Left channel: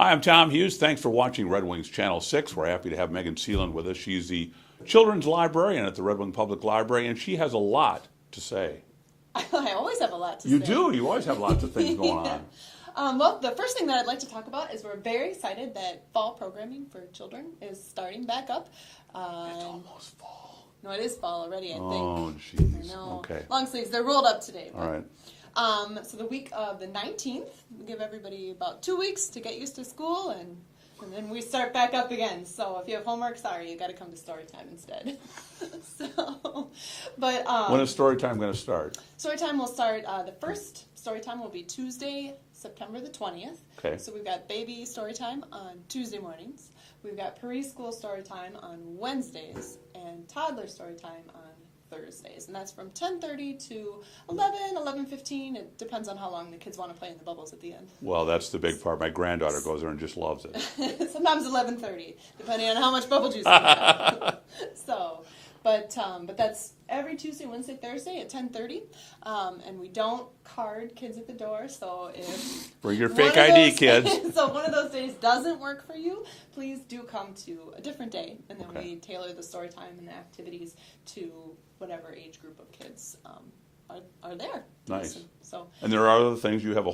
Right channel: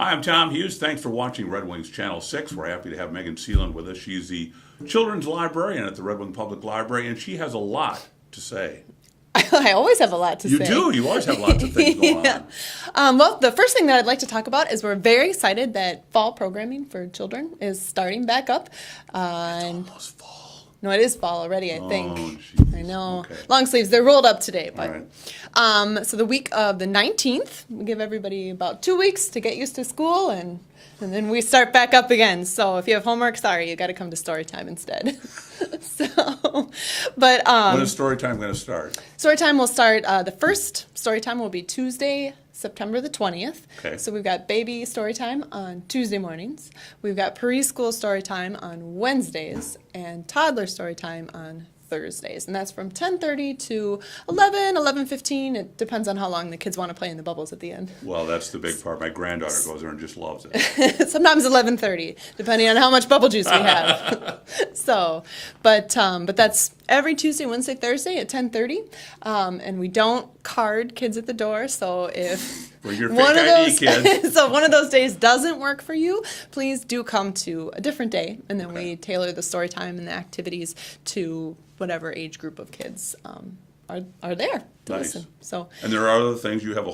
Hi, I'm Tom Hughes. Thanks for watching Red Wings Channel 6. We're happy to have Megan Seeland with us. She's the children's librarian at the Red Wing Public Library, and she has a lot to say. I always have a lot to say. You do. You always have lots of things going on. Well, the first thing that I'd like to talk about is we're very excited that fall programming for children is starting back up. It's almost fall. No, it is fall already, I think. Geez. I know. Okay. Long sleeves, they're rolled up today. But, All right. so the week of the 19th, we give everybody about 2 weeks to get used to school, and then we start back up again. So if you have homework, sorry, you got to come to story time instead. When is story time going to start? Story time will start, the first story time will be Tuesday, September the 20th. Okay. So we've got baby story time on Tuesday mornings. We've got preschool story time on Wednesdays and toddler story time on Thursdays. And that's from 10:30 to 11, 11:15. It depends on how long the kids want to play in the bubbles at the end. Well, that's the big part. My granddaughter goes there and just loves it. Sometimes 11:30, depending on how much bubble juice we have. But that's every Tuesday, Wednesday, Thursday at 10:30. And we don't card kids at the door. So if Bring your fake ID, kids. So one of those days doesn't work for you, please do come to a different day, and then we tailor the story time and the activities to whatever age group of kids are there to listen. So, and there are other things. You have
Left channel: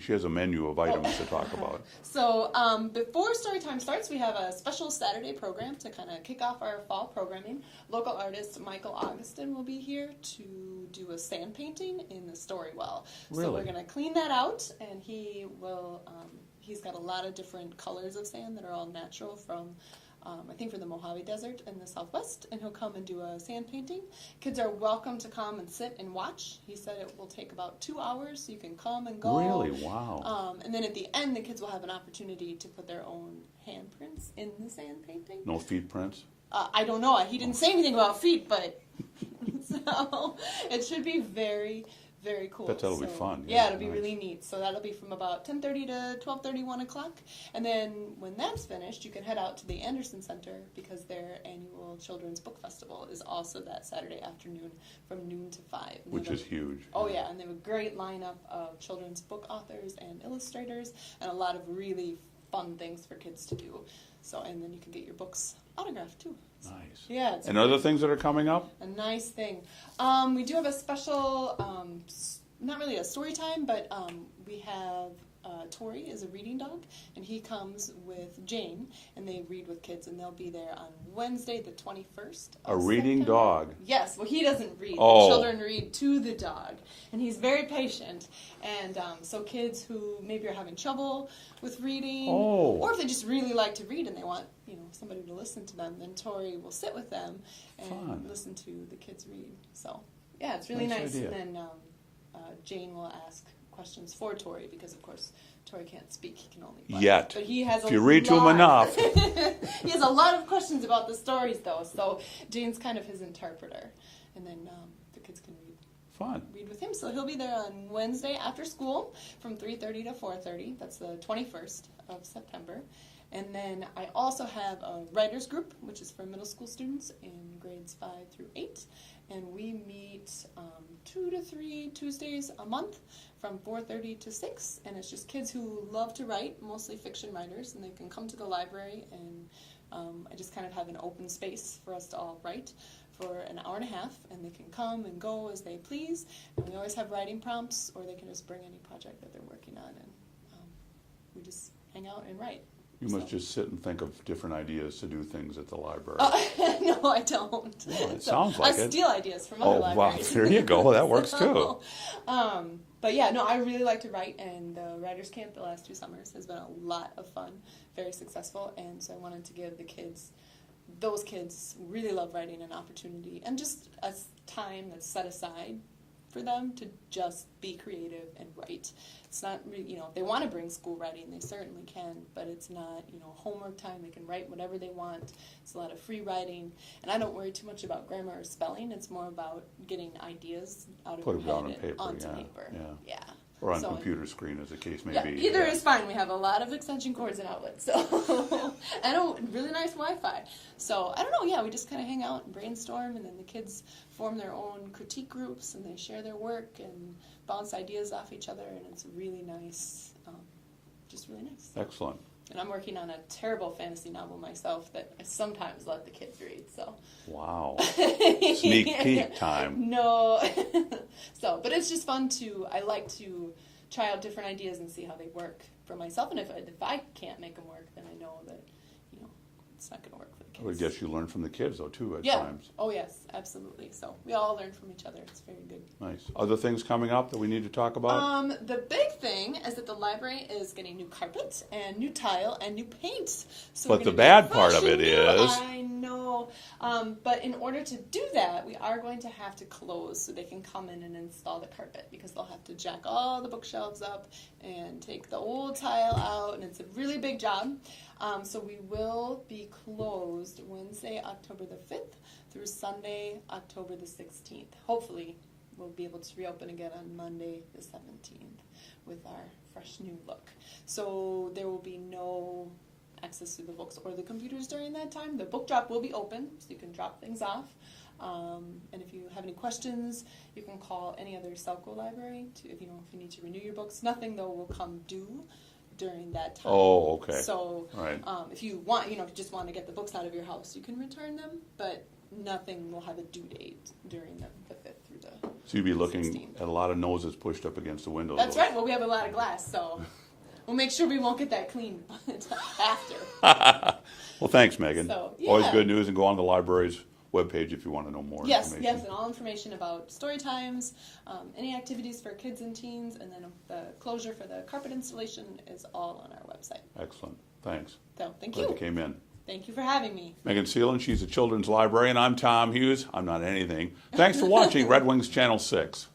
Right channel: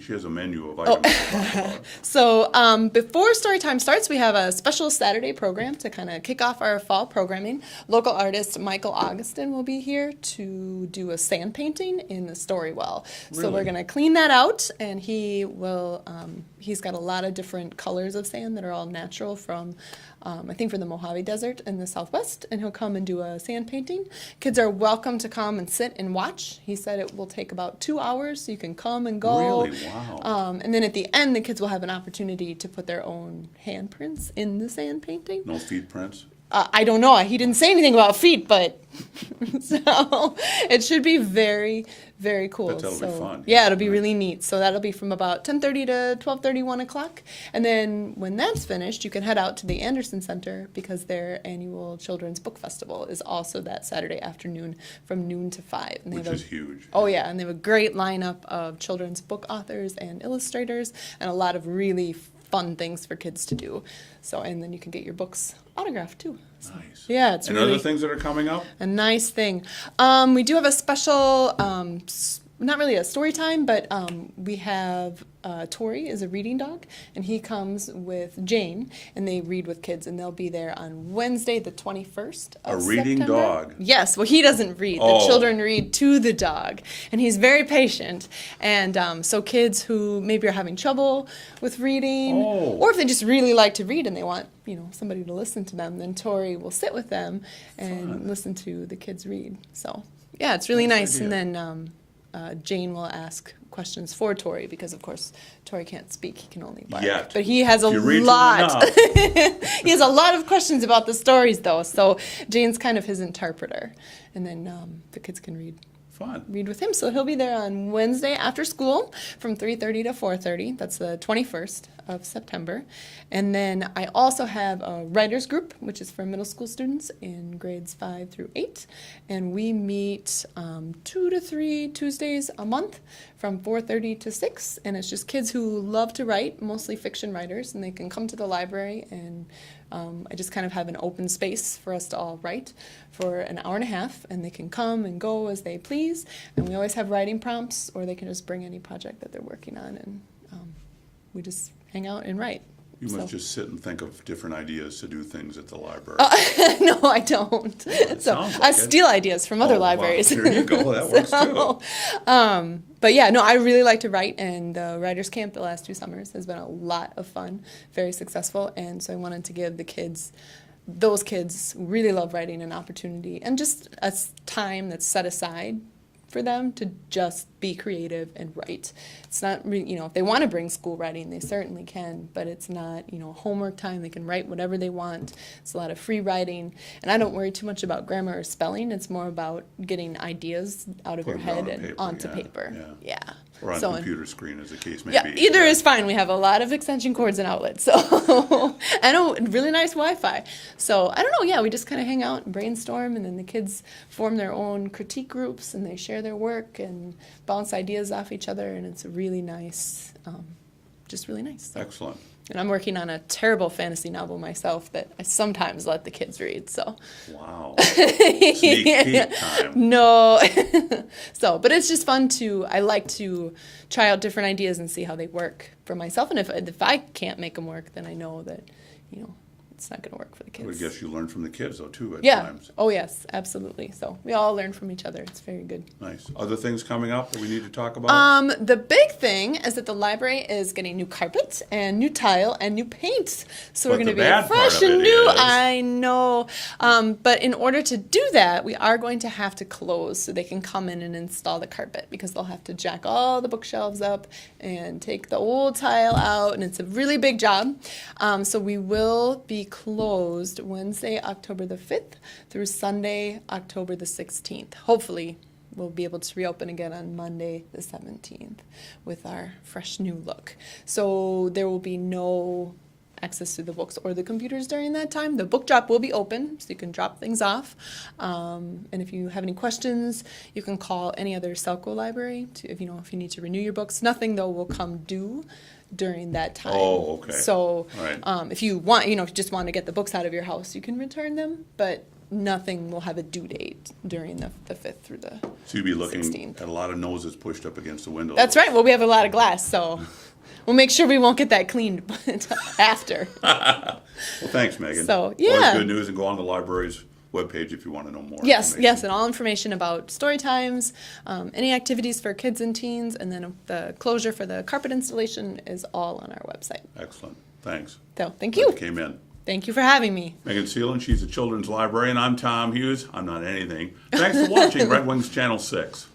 she has a menu of items to talk about. So before story time starts, we have a special Saturday program to kind of kick off our fall programming. Local artist Michael Augustin will be here to do a sand painting in the story well. So Really? we're going to clean that out, and he will. He's got a lot of different colors of sand that are all natural from. I think from the Mojave Desert in the Southwest, and he'll come and do a sand painting. Kids are welcome to come and sit and watch. He said it will take about 2 hours, so you can come and go. Really? Wow. And then at the end, the kids will have an opportunity to put their own handprints in the sand painting. No feet prints? I don't know. He didn't say anything about feet, but so it should be very, very cool. That'll be fun. Yeah, it'll be really neat. So that'll be from about 10:30 to 12:30, 1 o'clock. And then when that's finished, you can head out to the Anderson Center because their annual Children's Book Festival is also that Saturday afternoon from noon to 5. And Which is huge. Oh, yeah. And they have a great lineup of children's book authors and illustrators and a lot of really fun things for kids to do. So, and then you can get your books autographed too. Nice. Yeah, it's and really other things that are coming up? a nice thing. We do have a special, not really a story time, but we have Tori is a reading dog, and he comes with Jane, and they read with kids, and they'll be there on Wednesday, the 21st of A reading September. dog? Yes. Well, he doesn't read. The children read to the dog, and he's very patient. And so kids who maybe are having trouble with reading, or if they just really like to read and they want somebody to listen to them, then Tori will sit with them and listen to the kids read. So yeah, it's really nice. idea. And then Jane will ask questions for Tori because, of course, Tori can't speak; he can only bark. Yet. But he has a If you read lot. to him enough. He has a lot of questions about the stories, though. So Jane's kind of his interpreter, and then the kids can read with him. So he'll be there on Wednesday after school from 3:30 to 4:30. That's the 21st of September. And then I also have a writers group, which is for middle school students in grades 5 through 8. And we meet 2 to 3 Tuesdays a month from 4:30 to 6. And it's just kids who love to write, mostly fiction writers, and they can come to the library, and I just kind of have an open space for us to all write for an hour and a half, and they can come and go as they please. And we always have writing prompts, or they can just bring any project that they're working on, and we just hang out and write. You must just sit and think of different ideas to do things at the library. No, I don't. Sounds I like it. steal ideas from other libraries. Wow. Here you go. That works too. But yeah, no, I really like to write, and the Writers Camp the last 2 summers has been a lot of fun, very successful, and so I wanted to give the kids, those kids who really love writing, an opportunity and just a time that's set aside for them to just be creative and write. It's not, if they want to bring school writing, they certainly can, but it's not, homework time. They can write whatever they want. It's a lot of free writing, and I don't worry too much about grammar or spelling. It's more about getting ideas out of your head and onto paper. Yeah. Or on computer screen, as the case may Yeah, be. either is fine. We have a lot of extension cords and outlets, so and a really nice Wi-Fi. So I don't know. Yeah, we just kind of hang out and brainstorm, and then the kids form their own critique groups, and they share their work and bounce ideas off each other, and it's a really nice just really nice. So. Excellent. And I'm working on a terrible fantasy novel myself that I sometimes let the kids read. So. Wow. Sneak peek time. No. So, but it's just fun I like to try out different ideas and see how they work for myself. And if I can't make them work, then I know that, it's not going to work for the kids. I would guess you learn from the kids, though, too, at times. Oh, yes, absolutely. So we all learn from each other. It's very good. Nice. Other things coming up that we need to talk about? The big thing is that the library is getting new carpet and new tile and new paint. So we're going to be fresh and new. I know. But in order to do that, we are going to have to close so they can come in and install the carpet, because they'll have to jack all the bookshelves up and take the old tile out, and it's a really big job. So we will be closed Wednesday, October the 5th through Sunday, October the 16th. Hopefully, we'll be able to reopen again on Monday the 17th with our fresh new look. So there will be no access to the books or the computers during that time. The book drop will be open, so you can drop things off. And if you have any questions, you can call any other Selco library if you need to renew your books. Nothing, though, will come due during that time. Oh, okay. So right. If you want, if you just want to get the books out of your house, you can return them, but nothing will have a due date during the 5th through the 16th. So you'll be looking at a lot of noses pushed up against the window. That's right. Well, we have a lot of glass, so we'll make sure we won't get that cleaned after. Well, thanks, Megan. So, yeah. Always good news, and go on the library's webpage if you want to know more. Yes, and all information about story times, any activities for kids and teens, and then the closure for the carpet installation is all on our website. Excellent. Thanks. So, thank you. Glad you came in. Thank you for having me. Megan Seeland, she's a children's librarian. I'm Tom Hughes. I'm not anything. Thanks for watching Red Wings Channel 6.